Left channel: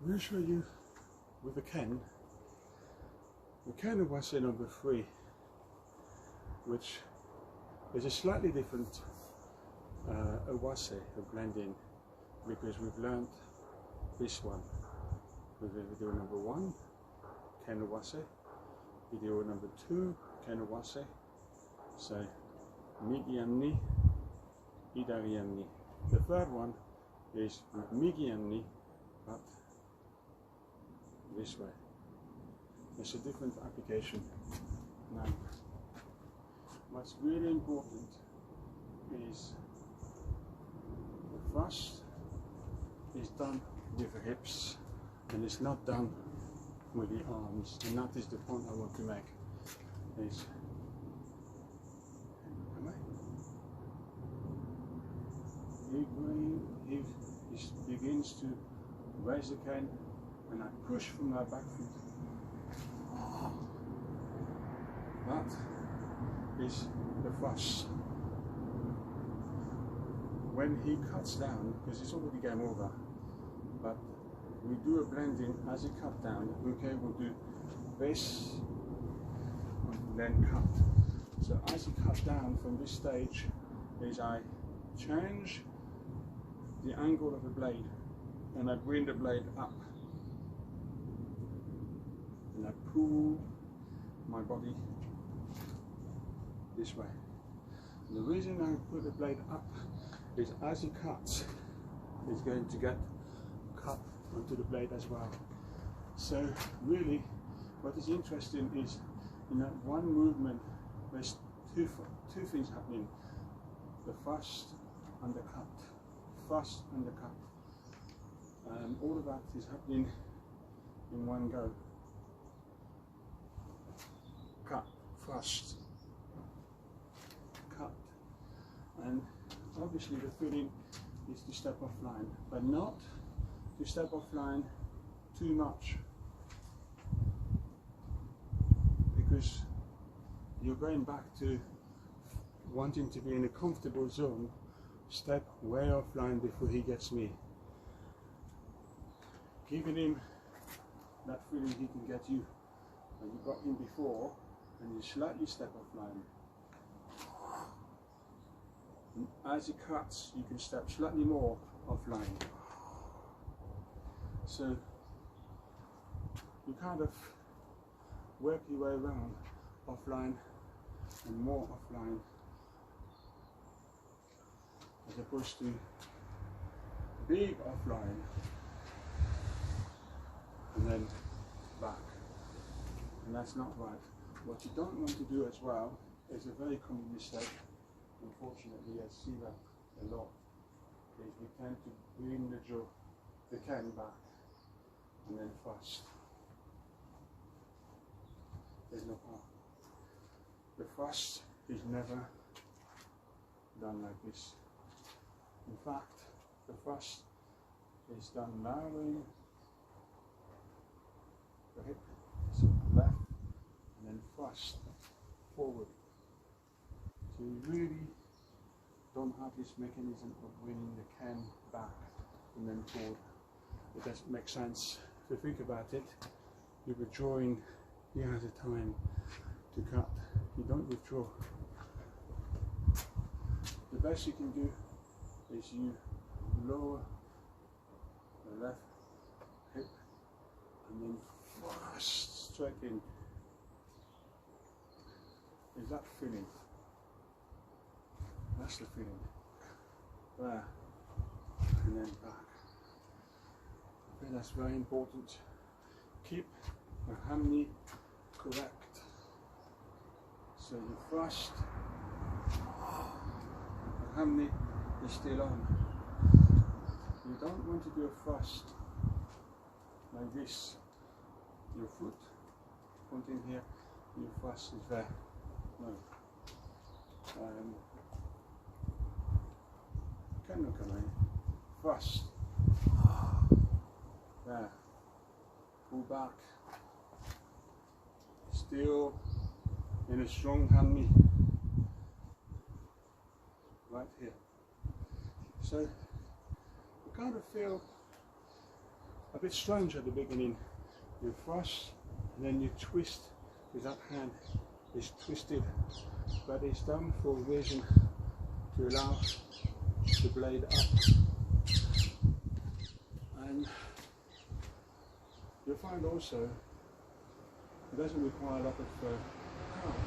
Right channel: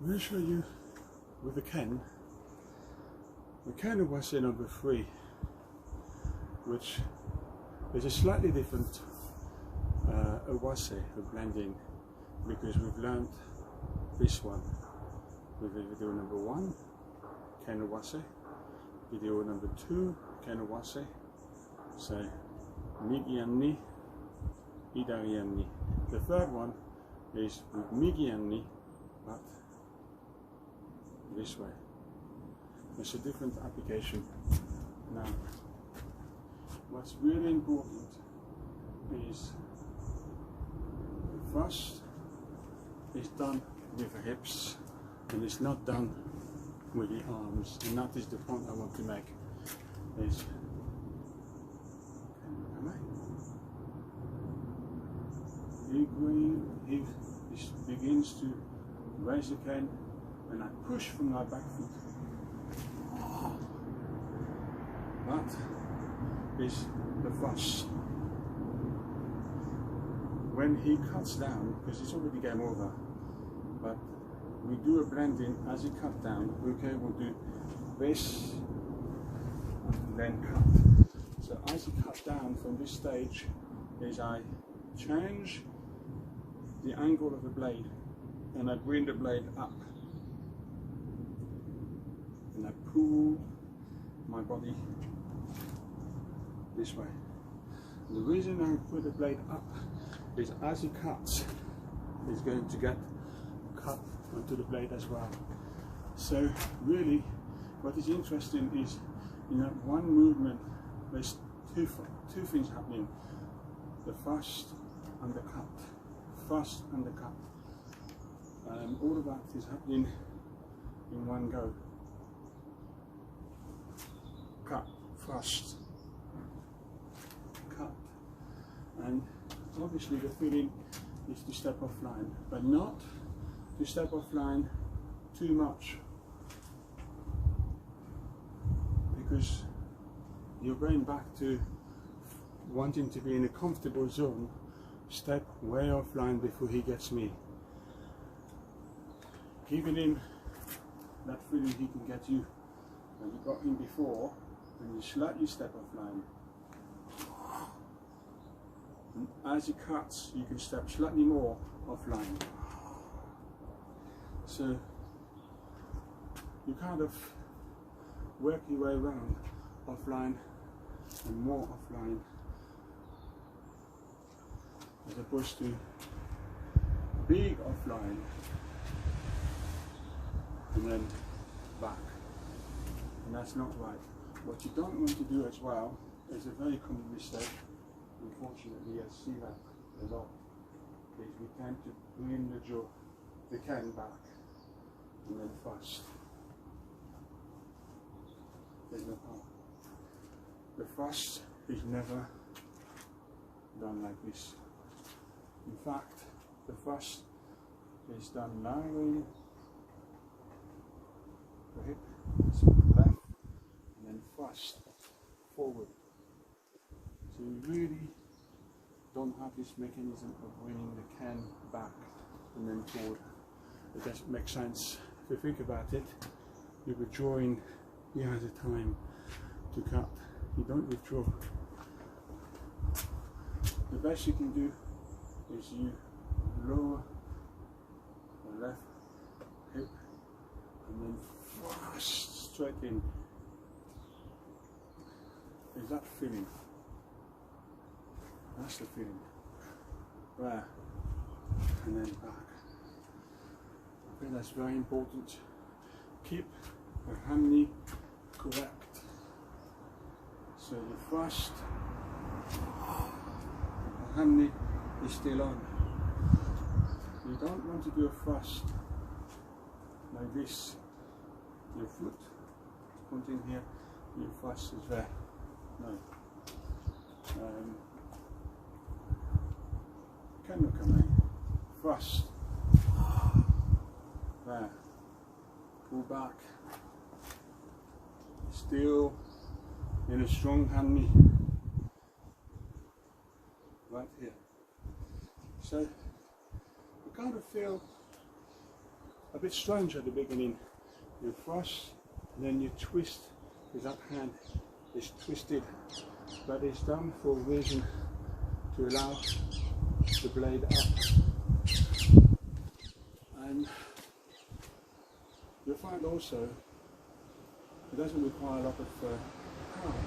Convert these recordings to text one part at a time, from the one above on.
I'm going to show you with the Ken Awase number 3, which is a slightly different Awase of blending, because we've learned this one with video number 1, Ken Awase, video number 2, Ken Awase, so Migianni, Idarianni. The third one is with Migianni, but this way. It's a different application. Now, what's really important is the thrust is done with the hips and it's not done with the arms, and that is the point I want to make. Is he begins to raise the cane, and I push from my back foot. That is the thrust. When he cuts down, because it's already game over, but we do a blending as he cuts down. Okay, we'll do this and then cut. So as he cuts down from this stage, is I change the angle of the blade and I bring the blade up and I pull my body this way. And the reason I put the blade up is as he cuts, he's going to get cut onto the blade as well. So really what is interesting is, in that one movement there's two things happening: the thrust and the cut, thrust and the cut. All of that is happening in one go. Cut, thrust, cut. And obviously the feeling is to step off line, but not to step off line too much, because you're going back to wanting to be in a comfortable zone. Step way offline before he gets me. Giving him that feeling he can get you when you got him before, and you slightly step offline. And as he cuts, you can step slightly more offline. So you kind of work your way around offline and more offline, as opposed to big offline and then back. And that's not right. What you don't want to do as well is a very common mistake. Unfortunately, I see that a lot, is we tend to bring the can back and then thrust. There's no power. The thrust is never done like this. In fact, the thrust is done narrowing the hip left and then thrust forward. So you really don't have this mechanism of bringing the can back and then forward. It doesn't make sense. If you think about it, you're withdrawing, he has a time to cut. You don't withdraw. The best you can do is you lower the left hip and then thrust straight in. Is that feeling? That's the feeling. There. And then back. I think that's very important. Keep the hammy correct. So you thrust, the hammy is still on. You don't want to do a thrust like this. Your foot pointing here, your thrust is there. No. Can look at me. Thrust. There. Pull back. Still in a strong hammy. Right here. So you kind of feel a bit strange at the beginning. You thrust, and then you twist, because that hand is twisted, but it's done for a reason, to allow the blade up. And you'll find also it doesn't require a lot of power.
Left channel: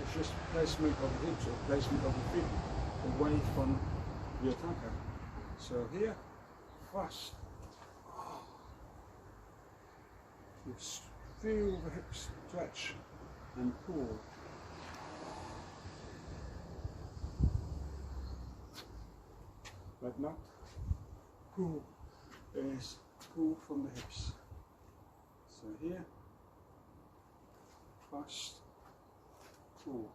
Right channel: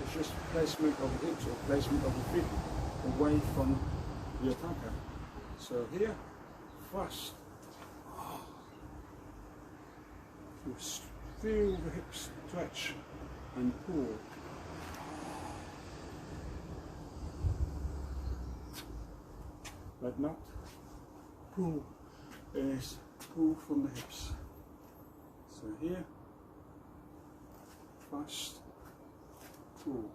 It's just placement of the hips or placement of the feet away from the attacker. So here, thrust. You feel the hips stretch and pull. But not pull, is pull from the hips. So here, thrust, pull.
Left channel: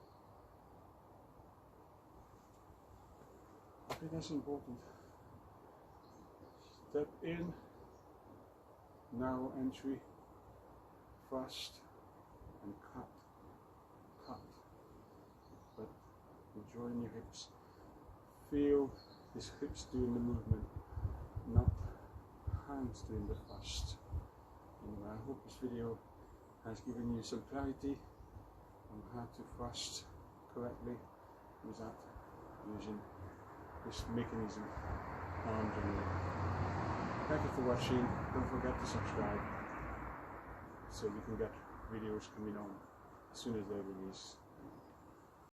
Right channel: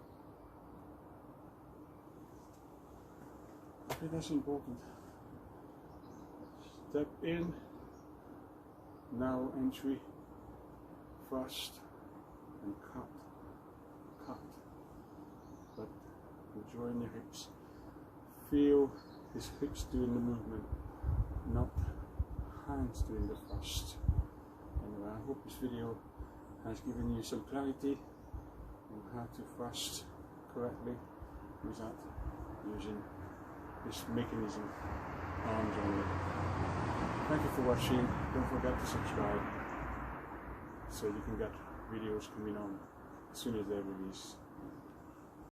I think that's important. Step in, narrow entry, thrust and cut, but you join your hips. Feel his hips doing the movement, not hands doing the thrust. Anyway, I hope this video has given you some clarity on how to thrust correctly without using this mechanism, arms only. Thank you for watching. Don't forget to subscribe so you can get videos coming on as soon as they're released.